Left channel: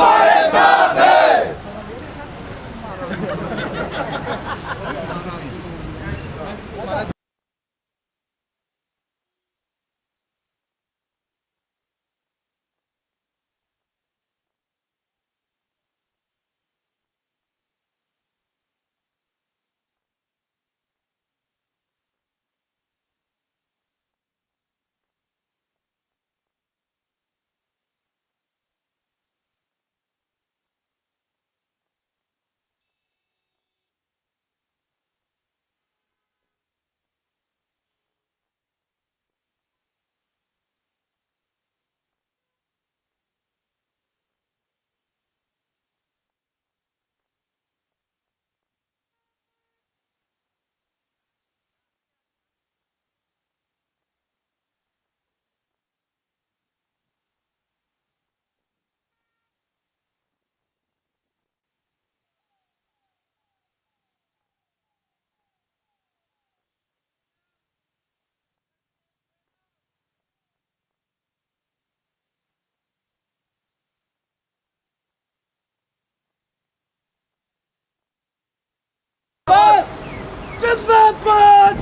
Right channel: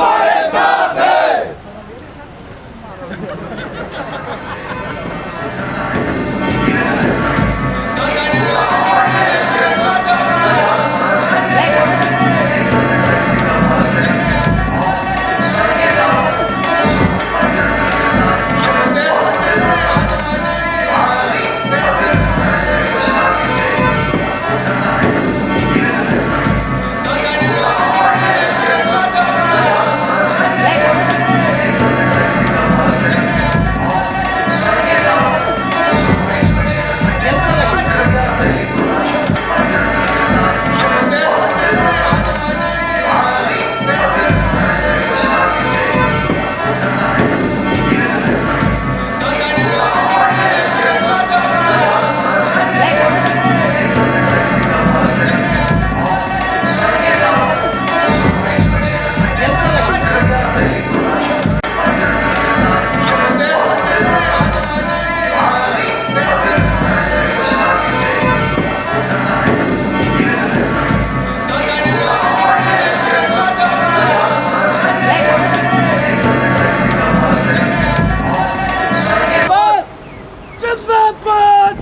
तुम्हारे साथ है।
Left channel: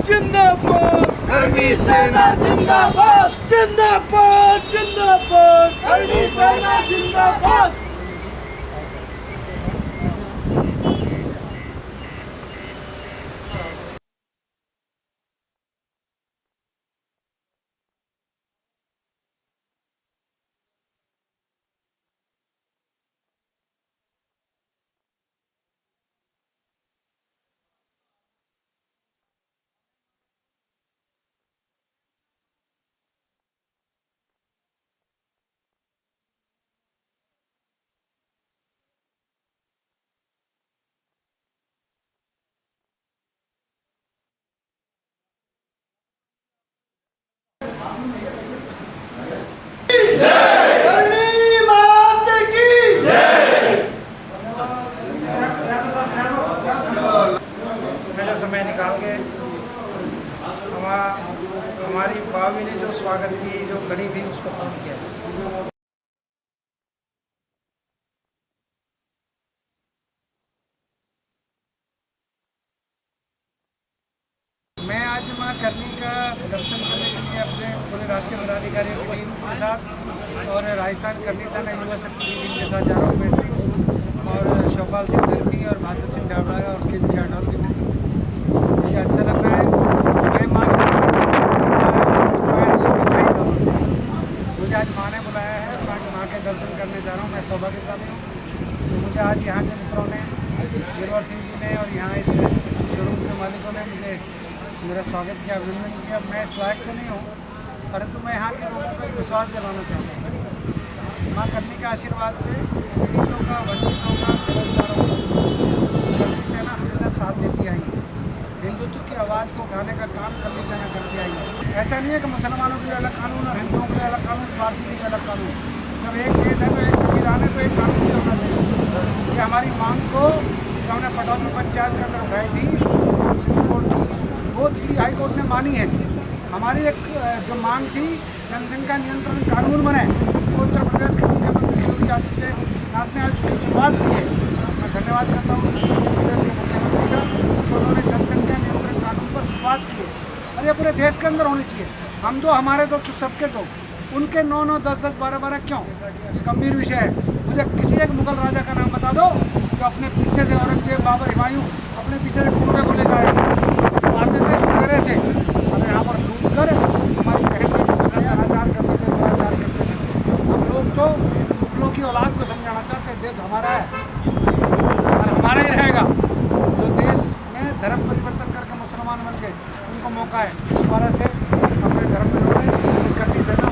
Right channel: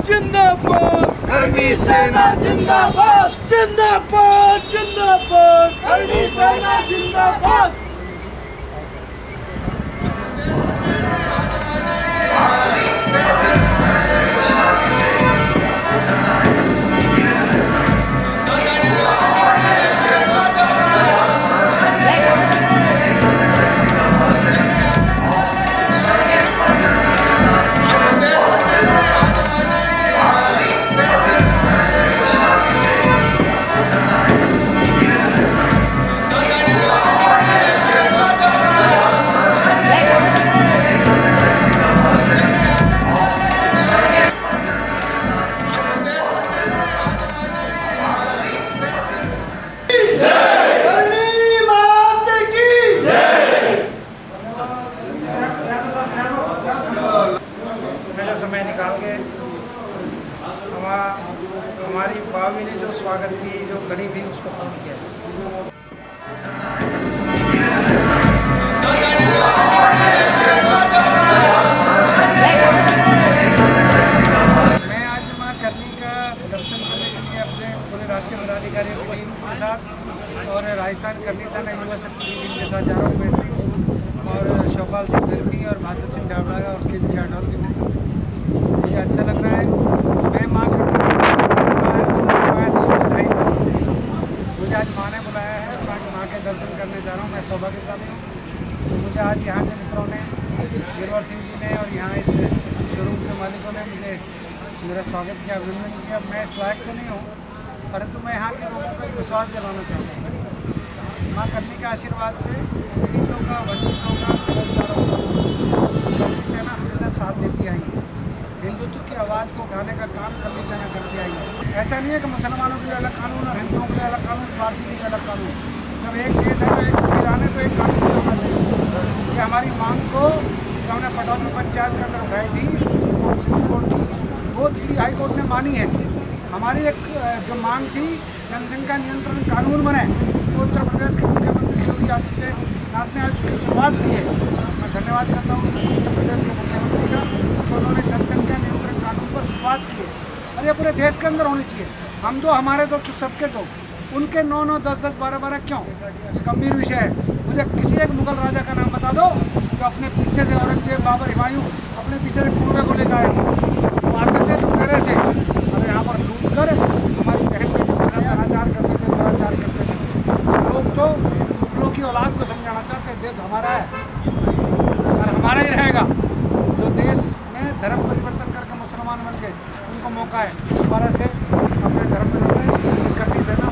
जिंदाबाद कर्मी सेना जिंदाबाद जिंदाबाद जिंदाबाद कर्मी सेना जिंदाबाद। समय निकाल के हमारी भाभी ने जो स्वागत की जो कड़ी थी उसको पूर्ण किया। मैं आज मां करनी का दर्शन करने के लिए अपने पूरे राष्ट्रीय पदाधिकारी की टीम के साथ और राजस्थान करनी सेना युवा शक्ति की टीम के साथ जा रहा हूँ। वैसे और शोपाल सिंह धर्मी और बहादुर सिंह डावड़ा और केंद्रीय जाटौर के नेतृत्व मुझे अच्छा लग रहा है। मैं माँ के 2 सालों से मुझे आज माँ ने बुलाया है, माँ के दर्शन करने जा रहा हूँ। मैं सौभाग्यशाली हूँ। तो मुझे आज यहाँ के मित्रों ने, गिरवर सिंह जी ने और यहाँ इस शोरूम के मालिकों ने मुझे मेरा स्वागत किया, अभिनंदन किया। मैं इस लायक तो नहीं हूँ, परंतु मैं यहाँ के लोगों को एक विश्वास दिलाना चाहता हूँ। माँ करनी के आशीर्वाद से पीड़ितों का, वंचितों का, बेरोजगारों का करनी सेना हमेशा साथ देती आई है। हिंदुत्व की आवाज़ को उठाने का काम करनी सेना करती आई है। ऐसा नहीं है कि मुसलमानों के लिए अलग कानून और हिंदुओं के लिए अलग कानून, पारसी के लिए अलग कानून। जब एक देश है तो एक संविधान है तो एक कानून भी होना चाहिए। ये हमारी मांग को जो हमने पटौदी पंचायत के अंदर उठाई थी सुप्रीम कोर्ट की, वो दिल्ली हाई कोर्ट ने मानी है। हमारी एक जो मांग थी जनसंख्या नियंत्रण कानून बने, तो उत्तर प्रदेश के मुख्यमंत्री योगी आदित्यनाथ ने आज उसकी शुरुआत की है। मैं धन्यवाद करता हूँ उत्तर प्रदेश के मुख्यमंत्री का, तो उन्होंने जनसंख्या नियंत्रण कानून पर शुरुआत की है और ये पूरे देश के अंदर होनी चाहिए। हम दो, हमारे दो, सबके दो, उनके 9-9, 10-10, 12-12 क्यों? ये गंभीर विषय है। मुझे किसी एक मुगल राजा का नाम बता दो जो अपने पीछे से औरंगजेब, बाबर, हुमायूं अपने पीछे से कुर्बे को लेकर आए, मारते थे, डरे थे, और यहाँ पर लूट कर हमारी बहन बेटियों के साथ अनाचार करते थे, दुराचार करते थे। लोग तो मुगलों की औलाद को समझाना चाहते हैं देश हमारा है और हमारा ही रहेगा। जो देश में धर्म परिवर्तन करके मुसलमान बन गए उनको मौका है दोबारा से अपने धर्म में करनी से ना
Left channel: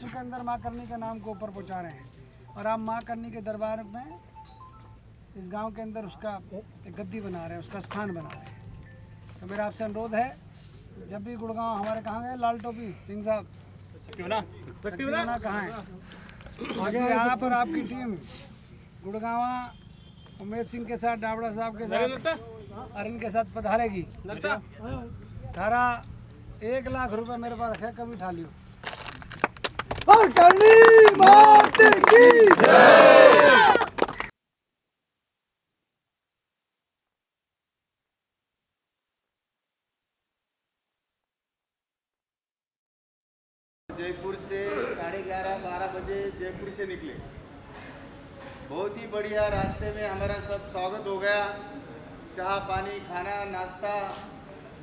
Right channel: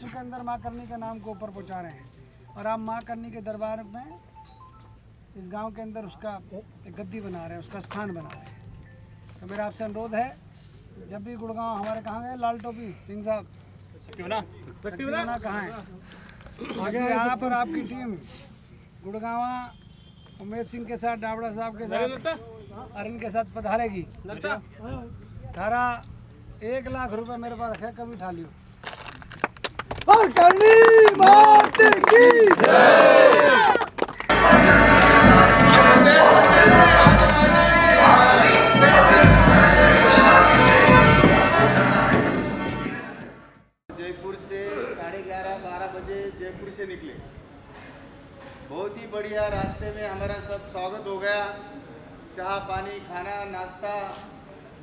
विश्व के अंदर माँ करनी के नाम को ऊपर पहुँचा रहे हैं और आप माँ करनी के दरबार में इस गांव के अंदर उसका एक गद्दी बना रहे हैं, उसका स्थान बना रहे हैं। तो मेरा आपसे अनुरोध है, जब भी गुड़गांव हमारे कहाँ गए लाल टोपी सिंह साहब शक्तिवना कहाँ है, आगे आप और आपकी टीम गुड़गांव उमेश सिंह के साथ, डावड़ा साहब के साथ, अरन के साथ पधारेगी। तारा 1 लाख रुपए मेरे पास है, कभी उठा लियो। और करनी माता की जय। जयपुर से 11:30-12 बजे जयपुर से निकले। बहुत ही बढ़िया रास्ते में हमारा सब स्वागत हो गया। चाय पानी खाना नाश्ता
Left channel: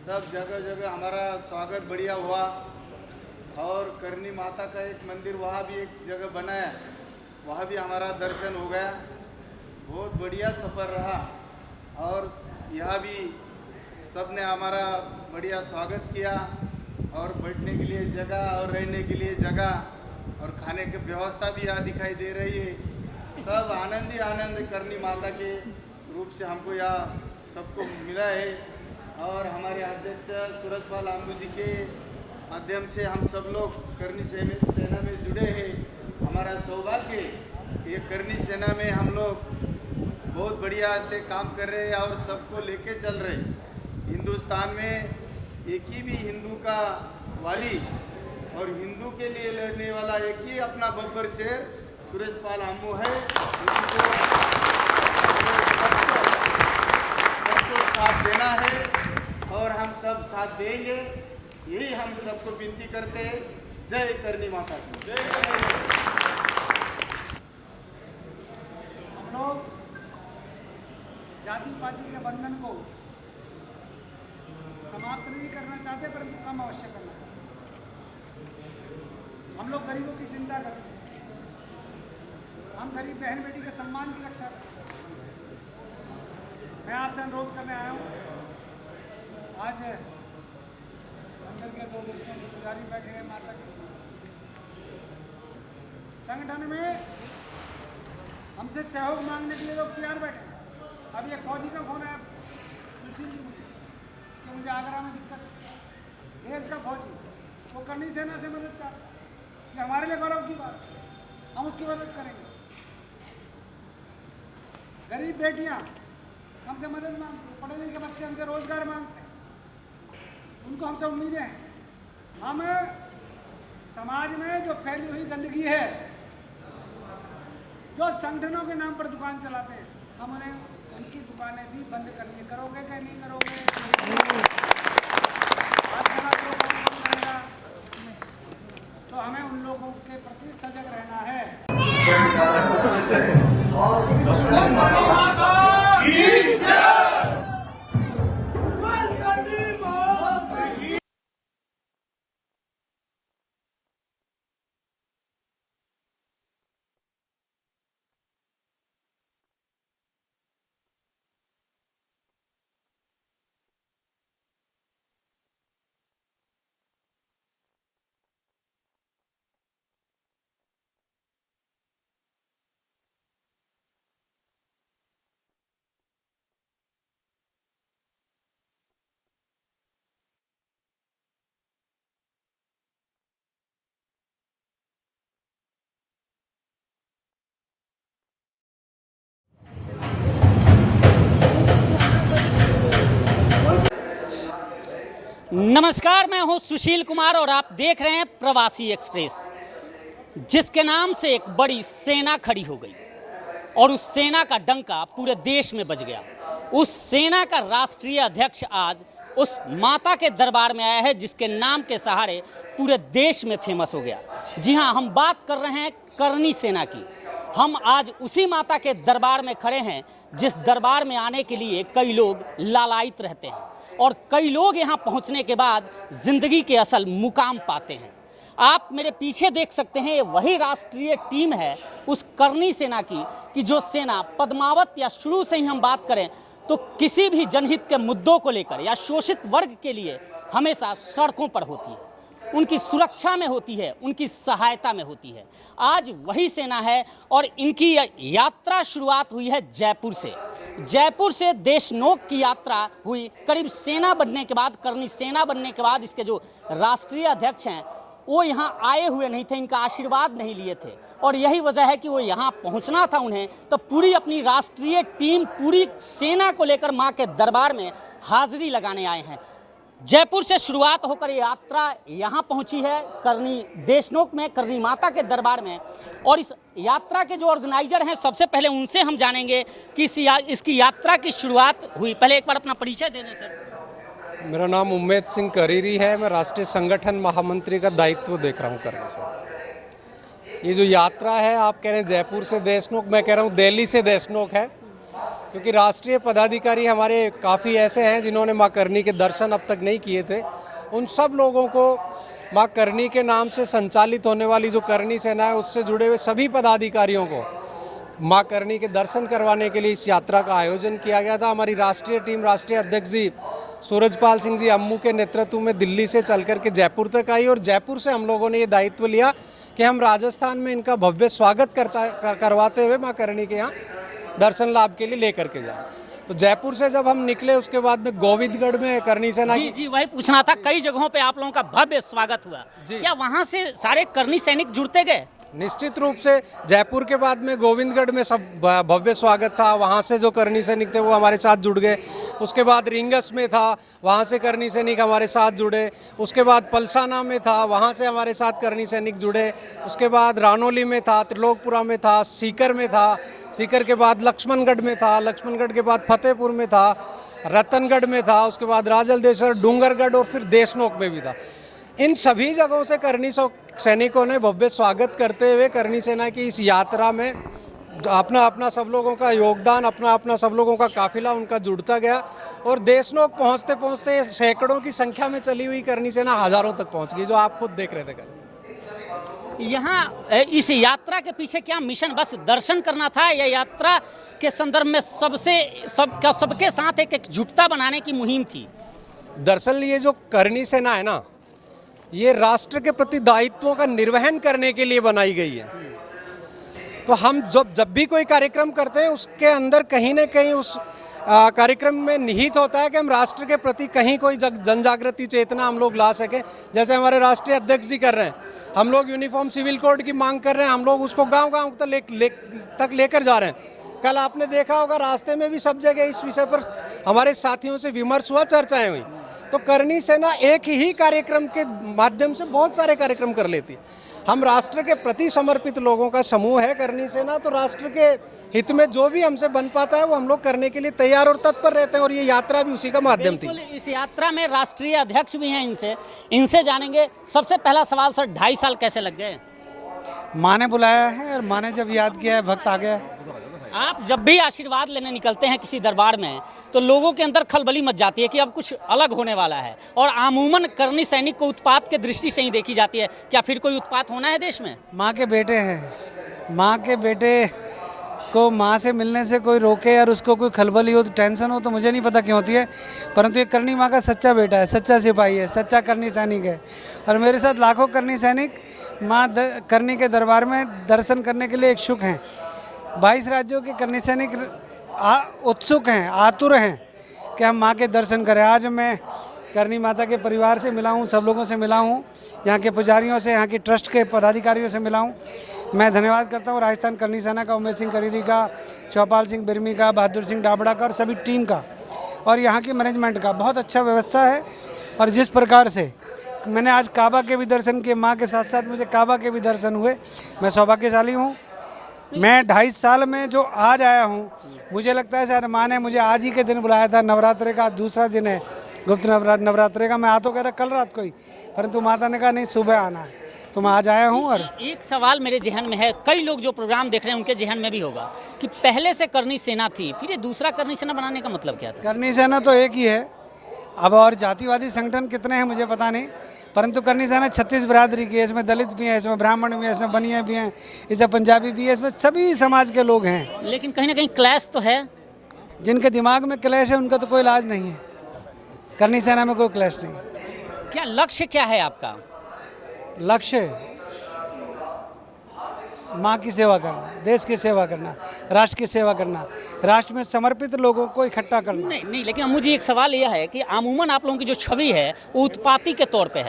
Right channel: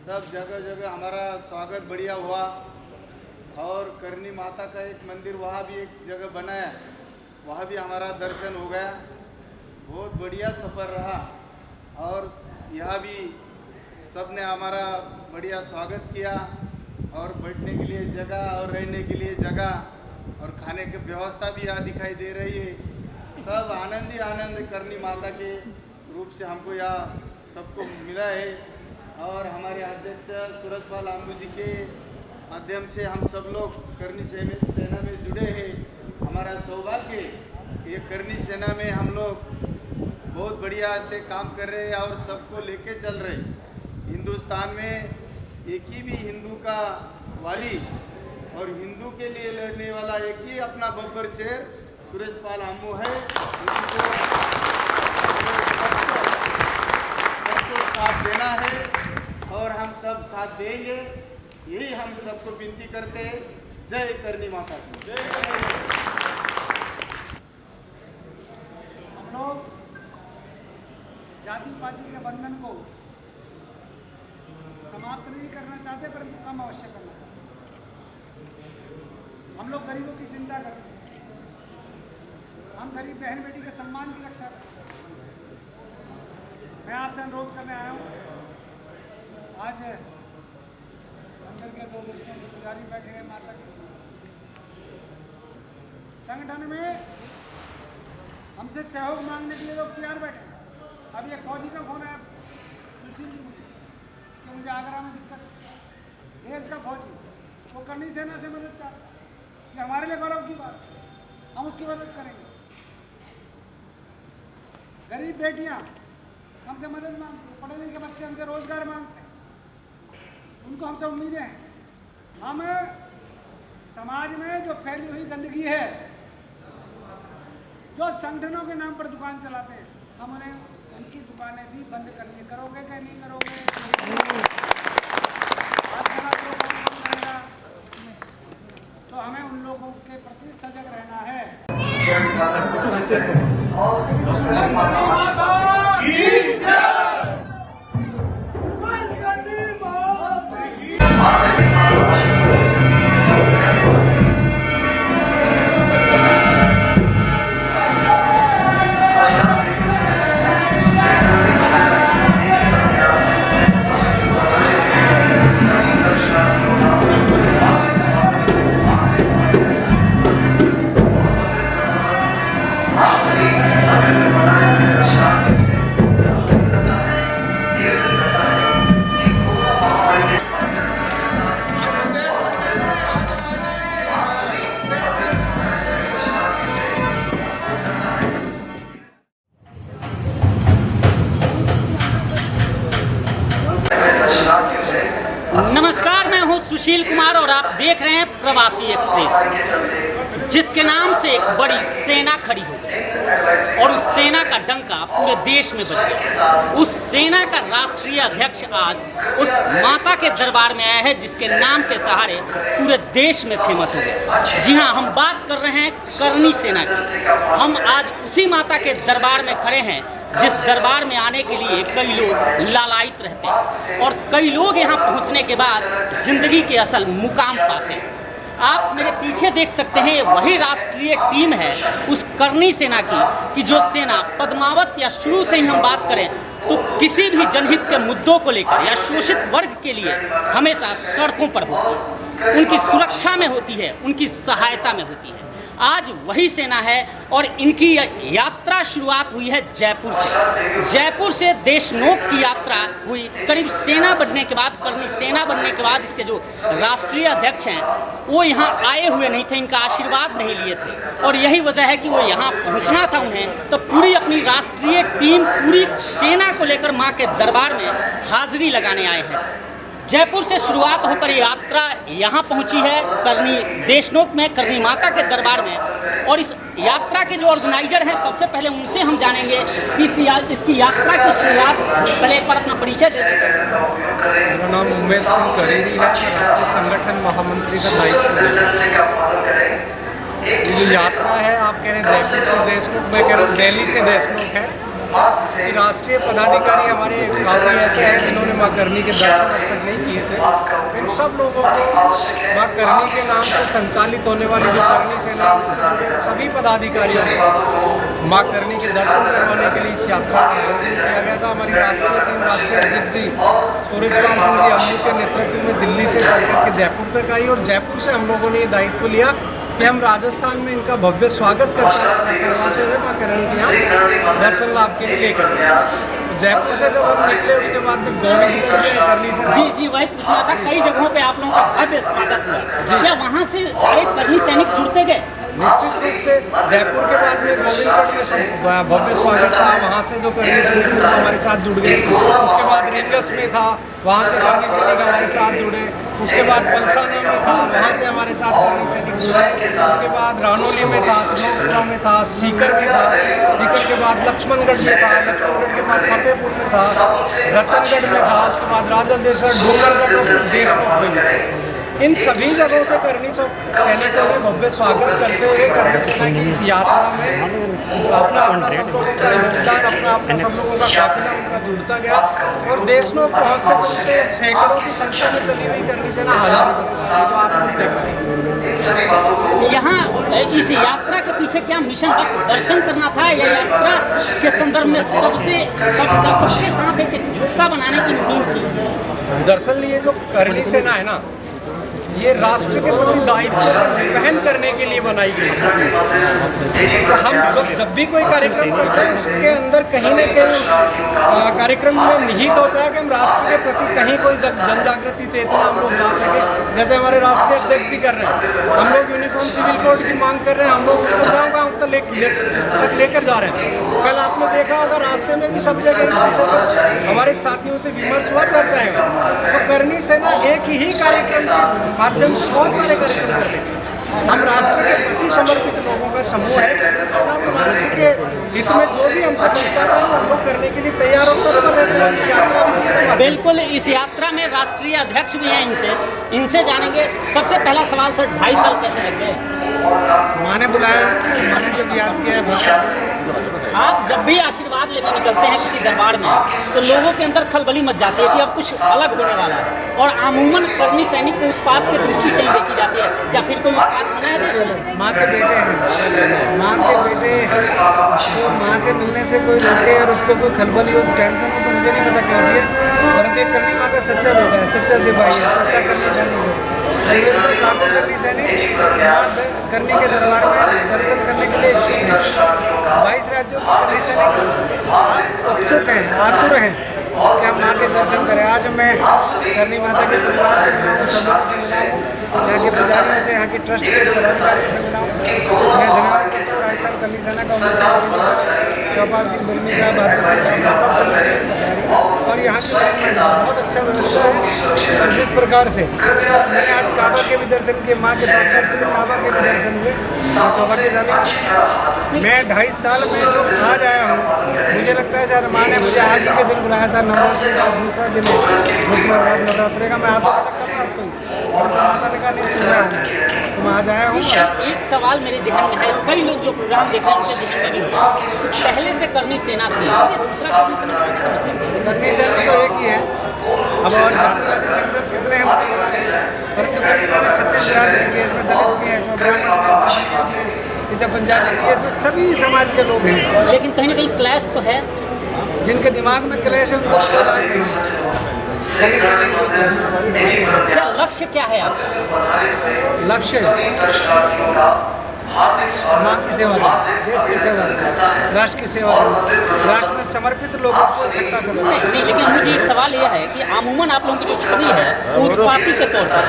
सब जगह जगह हमारा स्वागत बढ़िया हुआ। और करनी माता का एक मंदिर वहाँ भी एक जगह बनाया, वहाँ भी हमारा दर्शन हो गया। बहुत बढ़िया सफ़र रहा और यहाँ भी सब ने हमारा बढ़िया स्वागत किया और बैठने के लिए जगह और रहने के लिए जगह और खाने की व्यवस्था भी यहाँ दिखाई दे रही है। सब आनंद ही आनंद करनी माता के रूप से हमको यहाँ सबको मिला है। और हमारे अध्यक्ष सूरजपाल आम्बू जी के माध्यम से हम सब लोग करनी सेना में जुड़े हैं। हमारा सौभाग्य ये करनी सेना में हम लोग बहुत बढ़िया से काम कर रहे हैं और सबको लेके चल रहे हैं। हिंदुस्तान में एक ही भी हिंदू का वाली और हिंदू के लिए लड़ने वाला एक ही अपना बब्बर शेर सूरजपाल आम्बू है। सबको साथ देना है और हम सब साथ देंगे, यही हम सबको विनती करते हैं। जय करनी माता की। हम लोग जाति पाति के बंधन को समाप्त नहीं करना चाहते, परंतु कम अवश्य करना चाहते। हम लोग गरीबों की चिंता करते हैं, हम गरीब बहन बेटी के सम्मान की रक्षा करते हैं। मैं आपसे अनुरोध करने आया हूँ, आज मंदिर के 2 विष्णु पुजारी बैठे हैं माता के संगठन में, हमसे सहयोग मांगने के लिए लोग तैयार बैठे हैं। अभी एक फौजी का फोन आया सुशील जी मुझे कि मुझे आगरा में दिक्कत है। देश का फौजी वो करनी सेना से मदद चाहता है कि हमारे लिए गौरव की बात है, हम उसकी मदद करेंगे। गरीब बेटियां हमसे मदद मांगती हैं, पढ़े लिखे बच्चे हमसे रोजगार मांगते हैं, उनको हमसे उम्मीदें हैं। हम समाज में जो फैली हुई गंदगी है, जो संगठनों के नाम पर दुकान चलाते हैं, हम उन्हें उनकी दुकानें भी बंद करनी है। करोगे क्या नहीं करोगे? करेगा तो हमें उन लोगों के प्रति सजग रहना है। नमस्कार, मैं हूं सुशील कुमार और आप देख रहे हैं प्रवासी एक्सप्रेस, जिसके नाम से एक बड़ी सेना खड़ी हो गई और उस सेना का डंका पूरे देश में बज गया। उस सेना का राष्ट्रीय अध्यक्ष आज उस माता के दरबार में आया है, जिसके नाम के सहारे पूरे देश में फेमस हो गया। जी हाँ, हम बात कर रहे हैं करनी सेना की। हम आज उसी माता के दरबार में खड़े हैं जिस दरबार में आने के लिए कई लोग लालायित रहते हैं और कई लोग यहाँ पहुँचने के बाद जिंदगी के असल मुकाम पाते हैं। आप मेरे पीछे देख सकते हैं, वही राष्ट्रीय टीम है उस करनी सेना की, कि जो सेना पद्मावत या शुरू से ही हम बात करें तो किसी भी जनहित के मुद्दों को लेकर या शोषित वर्ग के लिए हमेशा सड़कों पर होती है, उनकी सुरक्षा में होती है, उनकी सहायता में होती है। आज वही सेना है और इनकी यात्रा शुरुआत हुई है जयपुर से। जयपुर से देशनोक की यात्रा हुई। करीब सेना बनने के बाद, कर्मी सेना बनने के बाद इसके जो राष्ट्रीय अध्यक्ष हैं वो यहाँ आए हुए नहीं थे, इनका आशीर्वाद नहीं लिए थे और यही वजह है कि वो यहाँ पहुँचना था उन्हें। तो पूरी अपनी राष्ट्रीय टीम, पूरी सेना को लेकर माँ के दरबार में हाजिरी लगाने आए हैं। जयपुर से शुरुआत होकर यात्रा यहाँ पहुँची है करनी देशनोक में, करनी माता के दरबार में। और इस यात्रा के जो ऑर्गेनाइजर हैं, सबसे पहले उनसे हम जानेंगे कि इसकी यात्रा की शुरुआत, पहले एक बार अपना परिचय दे दें। मेरा नाम उम्मेद सिंह करेरी है, मैं राष्ट्रीय संगठन महामंत्री का दायित्व। ये जो यात्रा है, आप कह रहे हैं जयपुर से देशनोक, मैं कह रहा हूँ दिल्ली से देशनोक है कि राष्ट्रीय पदाधिकारी हमारे काफ़ी ऐसे हैं जिन्होंने माँ करनी के दर्शन अब तक नहीं किए थे। इन सब लोगों को माँ करनी के नाम से संचालित होने वाली जो करनी सेना है उससे जुड़े हुए सभी पदाधिकारियों को माँ करनी के दर्शन करवाने के लिए इस यात्रा का आयोजन किया गया था। हमारी राष्ट्रीय टीम, राष्ट्रीय अध्यक्ष जी सूरजपाल सिंह जी अम्मू के नेतृत्व में दिल्ली से चल कर के जयपुर तक आई और जयपुर से हम लोगों ने ये दायित्व लिया कि हम राजस्थान में इनका भव्य स्वागत करवाते हुए माँ करनी के यहाँ दर्शन लाभ के लिए लेकर गए। जयपुर से जब हम निकले उसके बाद में गोविंदगढ़ में करनी सेना। जी वही पूछना था, कई जगहों पे आप लोगों का भव्य स्वागत हुआ, क्या वहाँ से सारे कर्मी सैनिक जुड़ते गए? निश्चित रूप से जयपुर के बाद में गोविंदगढ़ में सब भव्य स्वागत था, वहाँ से जो करनी सैनिक थे वो हमारे साथ जुड़ गए। उसके बाद रिंगस में था, वहाँ से करनी सैनिक हमारे साथ जुड़े। उसके बाद पलसाना में था, वहाँ से हमारे साथ करनी सैनिक जुड़े। उसके बाद रानोली में था, त्रिलोकपुरा में था, सीकर में था, सीकर के बाद लक्ष्मणगढ़ में था, लक्ष्मणगढ़ के बाद फतेहपुर में था, रतनगढ़ में था, उसके बाद राजलदेसर, डूंगरगढ़ और फिर देशनोक में। इन सभी जगहों से करनी सैनिकों ने भव्य स्वागत करते हुए करनी सेना की इस यात्रा में जो अपना अपना सब लोगों का योगदान, अपना अपना सब लोगों का काफिला उनका जुड़ता गया और देशनोक पहुँचते पहुँचते सैकड़ों की संख्या में चली हुई करनी सेना हजारों तक पहुँची, जो आप खुद देख रहे हैं। यहाँ इस यात्रा के पीछे क्या मिशन, बस दर्शन करना था या यात्रा के संदर्भ में सबके साथ एक जुटता बनाने की मुहिम थी? दरअसल ये जो करनी सेना है ना, ये राष्ट्र के प्रति दायित्व का निर्वहन करने के लिए बनाई गई है। तो हम जब भी कोई कार्यक्रम करते हैं उसके अंदर कहीं ना कहीं उस कार्यक्रम में निहित होता है कि हम राष्ट्र के प्रति कहीं कोई जन जागृति चेतना हम लोग ला सके। जैसे हमारे राष्ट्रीय अध्यक्ष जी कर रहे हैं, हम लोग यूनिफॉर्म सिविल कोड की मांग कर रहे हैं, हम लोग उसको गाँव तक लेकर जा रहे हैं। कल आपने देखा होगा रास्ते में भी सब जगह इस विषय पर हमारे साथियों से विमर्श हुआ, चर्चाएं हुई। तो करनी सेना एक ही कार्यक्रम के माध्यम से बहुत सारे कार्यक्रम कर लेते हैं। हम राष्ट्र के प्रति समर्पित लोगों का समूह है करनी सेना, तो राष्ट्र के हित में जो भी हमसे बन पाता है हम लोग करने के लिए तैयार और तत्पर रहते हैं और ये यात्रा भी उसी का माध्यम। बिल्कुल, इस यात्रा में राष्ट्रीय अध्यक्ष भी हैं, इनसे जानेंगे। सबसे पहला सवाल सर, 2.5 साल कैसे लग गए? माँ ने बुलाया, माँ ने जब याद किया बहुत आ गया। आप जब भी आशीर्वाद लेने निकलते हैं किसी दरबार में तो लोगों के अंदर खलबली मच जाती है कि अब कुछ अलग होने वाला है और अमूमन कर्मी सैनिक को उत्पाद की दृष्टि से ही देखी जाती है। क्या फिर कोई उत्पाद होना है देश में? माँ के बेटे हैं, माँ के बेटे को माँ से मिलने से कोई रोके और उसको कोई खलबली हो, टेंशन हो, तो मुझे नहीं पता क्या होती है, परंतु एक करनी माँ का सच्चा बेटा है, सच्चा सिपाही है, सच्चा करनी सैनिक है। और मेरे साथ लाखों करनी सैनिक माँ करनी के दरबार में दर्शन करने के लिए इच्छुक हैं। 22 राज्यों के करनी सैनिक उत्सुक हैं, आतुर हैं कि हम माँ के दर्शन करें। आज मैं करनी माता के परिवार से मिला हूँ, सब लोगों से मिला हूँ, यहाँ के पुजारियों से, यहाँ की ट्रस्ट के पदाधिकारियों से मिला हूँ। मैं धन्यवाद करता हूँ राजस्थान करनी सेना का, उमेश सिंह करेरी का, चौपाल सिंह बिरमी का, बहादुर सिंह डाबड़ा का, सभी टीम का और यहाँ के मैनेजमेंट का। बहुत अच्छा व्यवस्था है और जिस प्रकार से मैंने आज काबा के भी दर्शन किए, माँ के साथ साथ मुझे काबा के भी दर्शन हुए, मैं सौभाग्यशाली हूँ। मैं 2.5 साल में जो आज आया हूँ, मुझे लगता है सर माँ ने मुझे आज ही के दिन बुलाया था, नवरात्रि का दूसरा दिन है, गुप्त नवरात्रि का। मैं आता था कल रात को ही, परंतु माता ने कहा नहीं सुबह आना, तो मैं आज आया हूँ। एक सवाल मेरे जहन में है, कई लोग जो प्रोग्राम देख रहे हैं उनके जहन में भी होगा, पहले से करनी सेना थी, ये दूसरा करनी सेना बनाने का मतलब? करनी सेना तो एक ही है, अब और जातिवादी संगठन कितने हैं मुझे पता नहीं, परंतु करनी सेना 36 बिरादरी की है, इसमें दलित भी है, इसमें ब्राह्मण भी है, इसमें बनिया भी है, इसमें पंजाबी भी है, इसमें सभी समाज के लोग हैं। लेकिन कहीं ना कहीं क्लैश तो है। जिनके दिमाग में क्लेश है उनको तो कोई इलाज नहीं है। करनी सेना में कोई क्लेश नहीं। क्या लक्ष्य क्या है आपका? लक्ष्य माँ की सेवा करना, देश की सेवा करना, राष्ट्र की सेवा करना, राष्ट्र में समर्पित लोगों को इकट्ठा करना। नहीं, लेकिन मुझे एक सवाल यह है कि अमूमन आप लोगों की जो छवि है वो उत्पाती के तौर पर,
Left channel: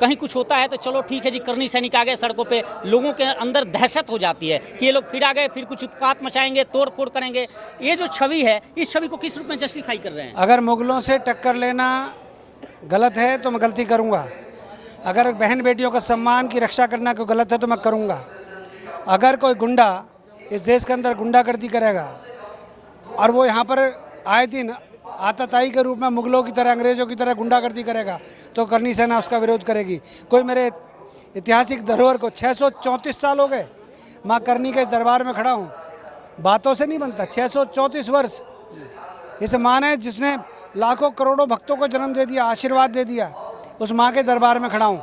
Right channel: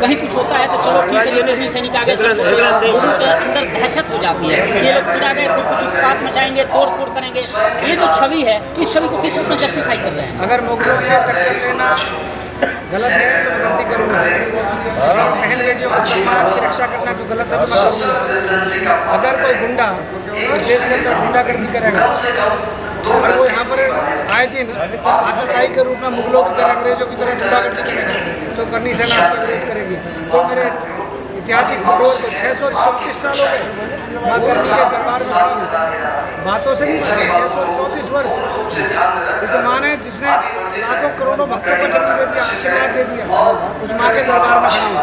कहीं कुछ होता है तो चलो ठीक है, ये तो सैनिक आ गए, सबको लोगों के अंदर दहशत हो जाती है, ये लोग फिर आ गए, फिर कुछ उत्पात मचाएंगे, तोड़ फोड़ करेंगे। ये जो छवि है, इस छवि को किस रूप में जस्टिफाई कर रहे हैं? अगर मुगलों से टक्कर लेना गलत है तो मैं गलती करूँगा। अगर बहन बेटियों के सम्मान की रक्षा करना कोई गलत है तो मैं करूँगा। अगर कोई गुंडा इस देश के अंदर गुंडागर्दी करेगा और वो यहाँ पर आए दिन आतताई के रूप में मुगलों की तरह, अंग्रेजों की तरह गुंडागर्दी करेगा तो करनी सेना इसका विरोध करेगी। तो मेरे ऐतिहासिक धरोहर को 634 साल हो गए मैं करनी के दरबार में खड़ा हूँ, बातों से नहीं बनता। 634 वर्ष इस माँ ने, जिसने लाखों करोड़ों भक्तों को जन्म दे दिया, आशीर्वाद दे दिया, उस माँ के दरबार में खड़ा हूँ।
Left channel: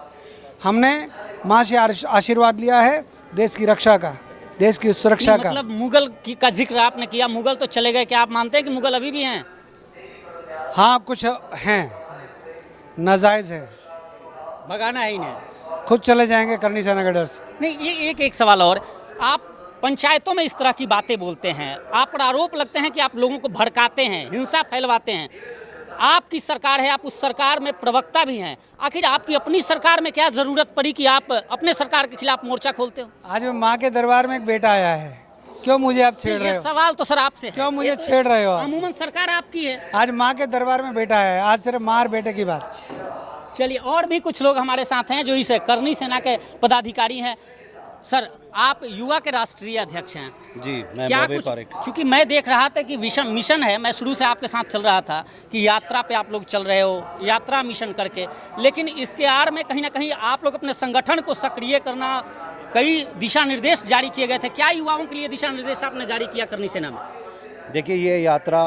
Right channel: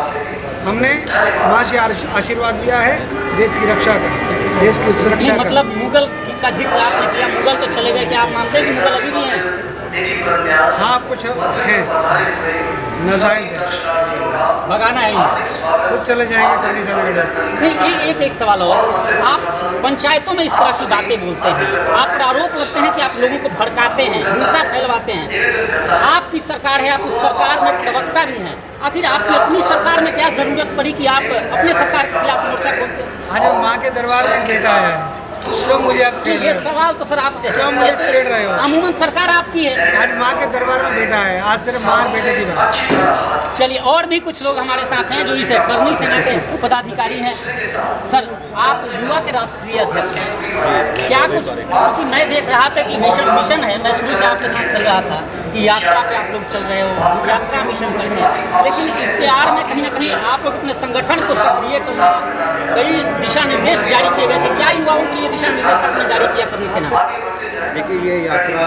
हमने माँ से आशीर्वाद लिया है देश की रक्षा का, देश की सुरक्षा का। मतलब मुगल का जिक्र आपने किया, मुगल तो चले गए, क्या आप मानते हैं कि मुगल अभी भी हैं? हाँ, कुछ हैं, नाजायज है, भगाना है, खुद चले जाएंगे करनी सेना के डर से। नहीं, एक सवाल और, आप पंचायतों में इस तरह की बातें बोलते हैं, आप पर आरोप लगते हैं कि आप लोगों को भड़काते हैं, हिंसा फैलवाते हैं। आपकी सरकार है, आप उस सरकार में प्रवक्ता भी हैं, आखिर आपकी अपनी सरकार में क्या जरूरत पड़ी कि आप अपने सरकार के खिलाफ मोर्चा खोलते हैं? आज माँ के दरबार में बेटा आया है, क्यों मुझे आप छेड़ रहे ये हो? सवाल तो सर आपसे, क्यों मुझे छेड़ रहे हो? अमूमन सरकार आपकी है। आज माँ के दरबार में बेटा है, आज सिर्फ माँ और बेटे की बात। चलिए, और भी कुछ लोग हमारे साथ हैं जो इस करनी सेना के पदाधिकारी हैं। सर, आप युवा के राष्ट्रीय अध्यक्ष हैं, क्या कुछ, क्योंकि मैं देख रहा था कि मिशन है, मैं शुरू से आपके साथ चल रहा था कि यात्रा पे आप लोग चल रहे हो, यात्रा मिशन करके, लेकिन इसके आड़ में कहीं ना कहीं आप लोग अपने संगठन को सक्रिय करना, कई दिशा निर्देश जारी किए गए थे, क्या युवाओं के लिए दिशा निर्देश आपने जारी किया करनी सेना? देखिए, ये यात्रा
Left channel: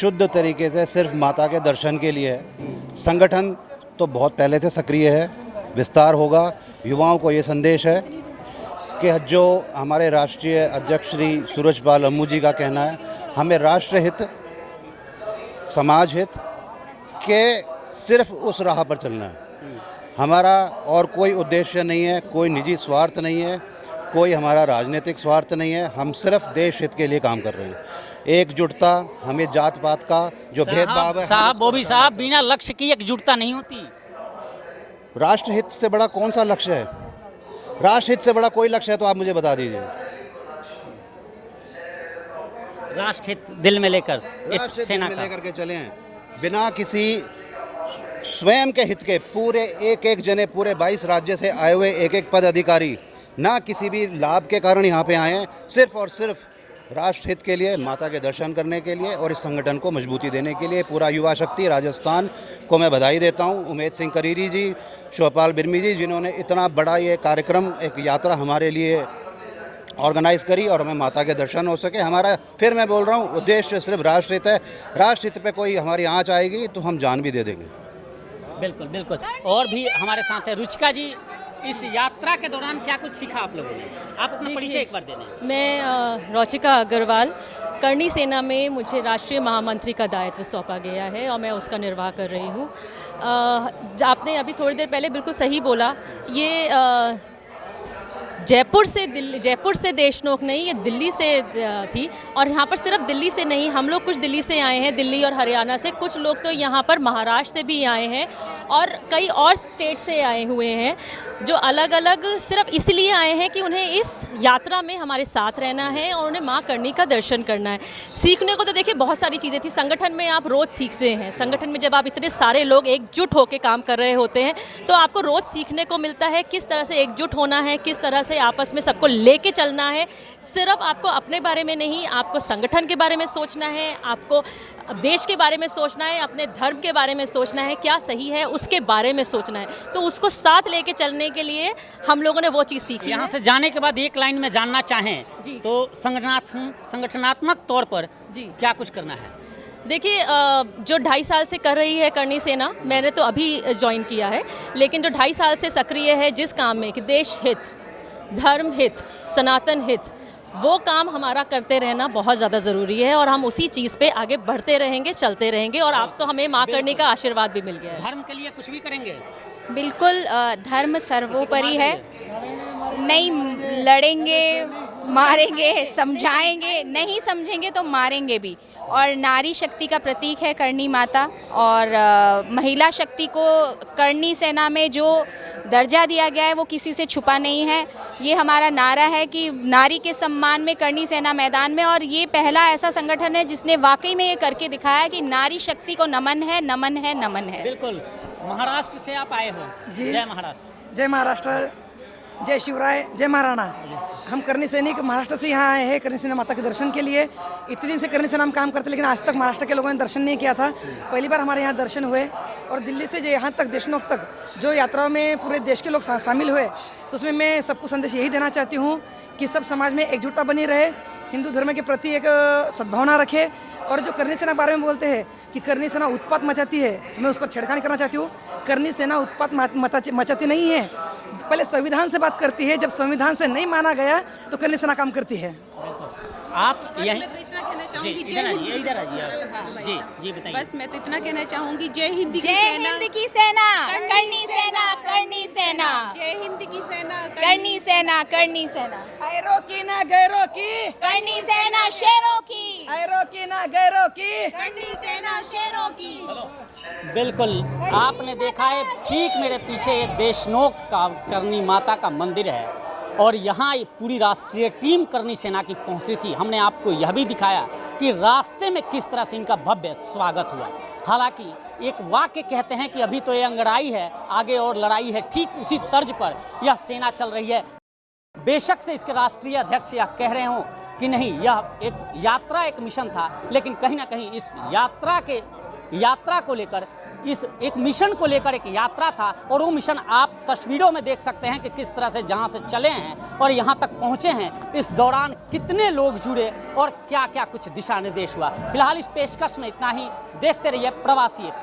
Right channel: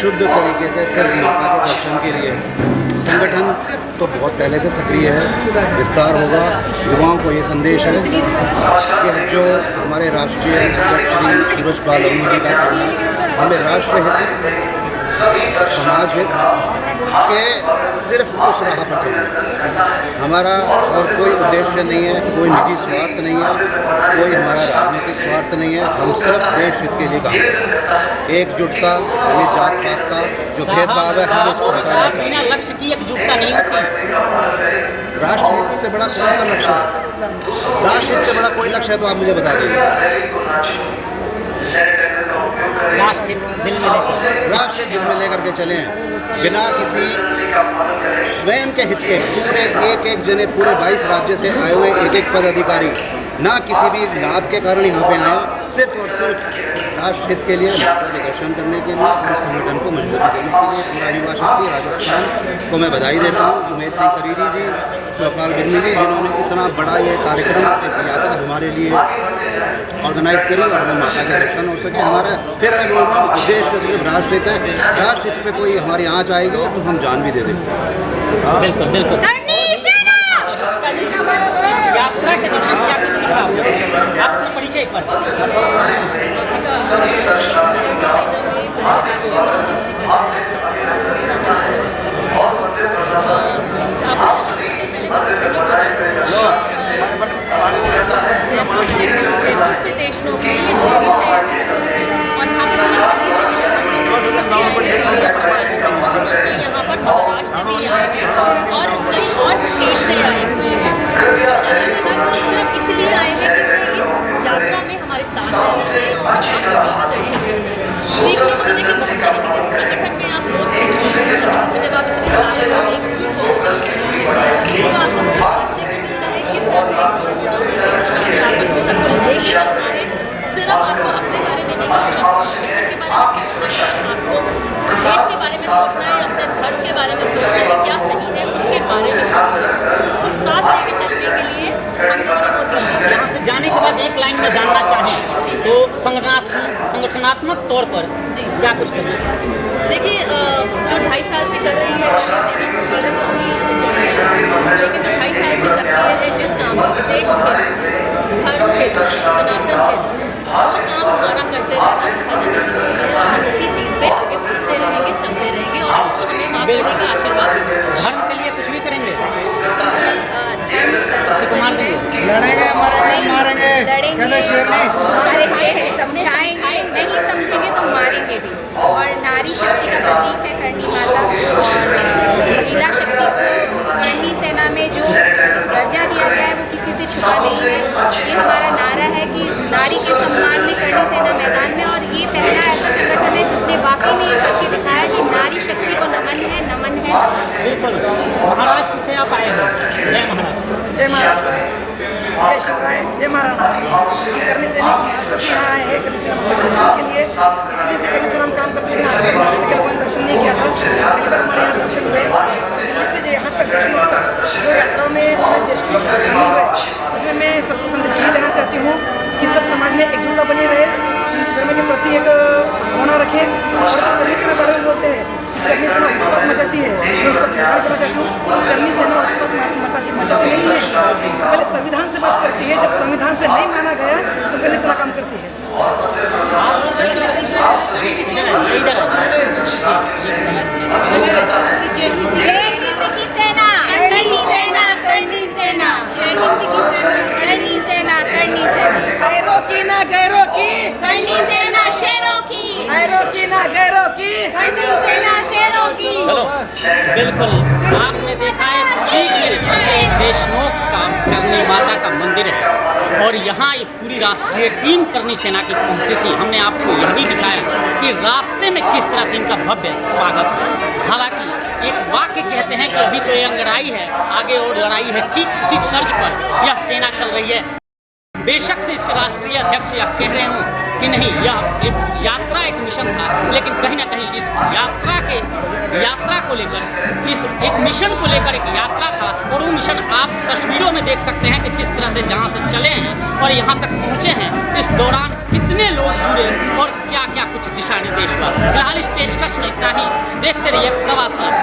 शुद्ध तरीके से सिर्फ माता के दर्शन के लिए, संगठन तो बहुत पहले से सक्रिय है, विस्तार होगा। युवाओं को ये संदेश है कि जो हमारे राष्ट्रीय अध्यक्ष श्री सूरजपाल अमू जी का कहना है, हमें राष्ट्रहित, समाज हित के सिर्फ उस राह पर चलना। हमारा और कोई उद्देश्य नहीं है, कोई निजी स्वार्थ नहीं है, कोई हमारा राजनीतिक स्वार्थ नहीं है, हम सिर्फ देश हित के लिए काम करें। एकजुटता, हमें जात पात का जो भेदभाव है, साहब, बिना लक्ष्य की एकजुटता नहीं होती। राष्ट्रहित से बड़ा कौन सा लक्ष्य है? राष्ट्रहित से बड़ा कोई लक्ष्य है तो आप मुझे बता दीजिए। राष्ट्र दिल में लेकर, राष्ट्र दिल में लेकर के चलें, बिना किसी स्वयं के हित के। पूरे एक जने, पूरे 22 राज्य से आए हुए एक पदाधिकारी, ना किसी भी लाभ के कारण यहाँ पे आए, सिर्फ और सिर्फ राष्ट्र हित के लिए, माता के दर्शन करने के लिए और इस संगठन को मजबूती देने के लिए। पूरा युवा शक्ति राजस्थान को मैं बधाई देता हूँ। उमेद सिंह करीरी जी, शिवपाल बिरनी जी, जिन्होंने इतना बड़ा ये कार्यक्रम, एक यात्रा हमारे लिए ऑर्गेनाइज करी और हमें माता के दर्शन हो सके। हमारा, फिर मैं बोल रहा हूँ, उद्देश्य सिर्फ राष्ट्रहित है। राष्ट्रहित पे कोई हमारी आँच आएगी तो हम जान भी दे देंगे। बिल्कुल बिल्कुल। और भी हमारे साथ है रुचिका जी, इस यात्रा के दौरान क्या कुछ सीखा आपने? परिचय पर। मैं रुचिका अग्रवाल, करनी सेना में मुझे राष्ट्रीय महामंत्री का दायरा सौंपा गया है, मैं उसका निर्वाह कर रही हूँ। आपने अभी थोड़ी देर पहले बिल्कुल सही बोला, ये जयपुर से देशनोक में, ये दिल्ली से थी, और यहाँ पर सिर्फ दिल्ली से नहीं, हम लोग कुछ दिल्ली से आए हैं, दिल्ली और हरियाणा से, कुछ लोग तो यहाँ पर महाराष्ट्र से भी आए हैं और कई और स्टेट से आए हुए हैं, जो अलग अलग सिर्फ इसलिए आए हैं कि उन्हें इस यात्रा में हमारे साथ रहना है और माँ करनी का दर्शन करना है। सीखने को तो देखिए बहुत सारी चीज़ें थी, संगठन में आप रोज़ सीखते हैं, संगठन में जब आप इतने सारे लोग एकजुट होकर काम कर रहे होते हैं तो आपको रोज़ सीखने को मिलता है किस तरह से एकजुट होना है, किस तरह से आपस में सबको लेके चलना है। सिर्फ आपको अपने बारे में नहीं, आपको संगठन के बारे में सोचना है, आपको देश के बारे में सोचना है, अपने धर्म के बारे में सोचना है, क्या सही है उसके बारे में सोचना है। तो उसको साथ लेके चलने के लिए हम लोगों ने वो चीज़ सीखी। यहाँ से जाने के बाद एक लाइन में जानना चाहें तो संगठनात्मक तौर पर जी क्या कुछ करना है? देखिए, जो 2.5 साल से कर रही है करनी सेना, मैंने तो अभी ज्वाइन किया है, लेकिन जो 2.5 साल से सक्रिय है जिस काम में देश हित, धर्म हित, सनातन हित वो काम हमारा करते रहना बहुत ज़्यादा ज़रूरी है और हम उसी चीज़ पे आगे बढ़ते रहेंगे, चलते रहेंगे और आपको हमें माँ करने का आशीर्वाद देंगे। धर्म के लिए कुछ भी करेंगे। बिल्कुल धर्म सर्वोपरि है। लड़ेंगे, मरेंगे, नहीं मारेंगे, लड़ेंगे, नहीं। मारेंगे, समझाएंगे, नहीं समझेंगे तो मारेंगे भी। और नारी शक्ति का प्रतीक है करणी माता और महिला शक्ति को करणी सेना में जो दर्जा दिया गया है वो किसी से छुपा नहीं है। ये हमारा नारा है कि नारी के सम्मान में करणी सेना मैदान में, और ये पहला ऐसा संगठन है जिसने वाकई में ये करके दिखाया कि नारी शक्ति को नमन है, नमन है, नमन है। बिल्कुल। महाराष्ट्र से आप आए हो। जय महाराष्ट्र। जय महाराष्ट्र, जय शिवराय, जय महाराणा। हम करणी सैनिक महाराष्ट्र से यहाँ आए हैं करणी सेना माता के दर्शन के लिए। इतने से करणी सेना हम काम करते हैं, लेकिन आज तक महाराष्ट्र के लोगों ने दर्शन नहीं किया था। पहली बार हमारे यहाँ दर्शन हुए और दिल्ली से जो यहाँ तक देशमुख तक जो यात्रा में पूरे देश के लोग शामिल हुए, उसमें मैं सबको संदेश यही देना चाहती हूँ कि सब समाज में एकजुटता बनी रहे, हिंदू धर्म के प्रति एक सद्भावना रखे। और जो करणी सेना बारे में बोलते हैं कि करणी सेना उत्पात मचाती है, मैं उस पर छेड़छाड़ करना चाहती हूँ। करणी सेना उत्पात मचाती नहीं है, पहले संविधान से बात करती है। जब संविधान से नहीं माना गया तो करणी सेना काम करती है। जय हिंद की सेना, करणी सेना, करणी सेना, जय हिंद की सेना, करणी सेना, करणी सेना, गैरों की ना गैरों की, करणी सेना शेरों की, गैरों की ना गैरों की, करणी सेना शेरों की। चलो, बिल्कुल आपने देखा है ठीक मेरे पीछे एक देशनोक का करणी माता का मंदिर है और यहाँ एक पूरी राष्ट्रीय टीम करणी सेना की पहुंची थी। हमने आपको यह भी दिखाया कि रास्ते में किस तरह से इनका भव्य स्वागत है। हालांकि एक वाक्य कहते हैं कि अभी तो ये अंगड़ाई है, आगे और लड़ाई है। ठीक उसी तर्ज पर यह सेना चल रही है। बेशक से इसके राष्ट्रीय अध्यक्ष यह कह रहे हों कि नहीं, यह एक यात्रा, एक मिशन था, लेकिन कहीं ना कहीं इस यात्रा को लेकर, इस एक मिशन को लेकर एक यात्रा था और वो मिशन आप तस्वीरों में देख सकते हैं कि किस तरह से जहाँ से चले हैं और यहाँ तक पहुँचे हैं, इस दौरान कितने लोग जुड़े और क्या क्या कुछ दिशा निर्देश हुआ। फिलहाल इस पेशकश में इतना ही। देखते रहिए प्रवासी एक्सप्रेस।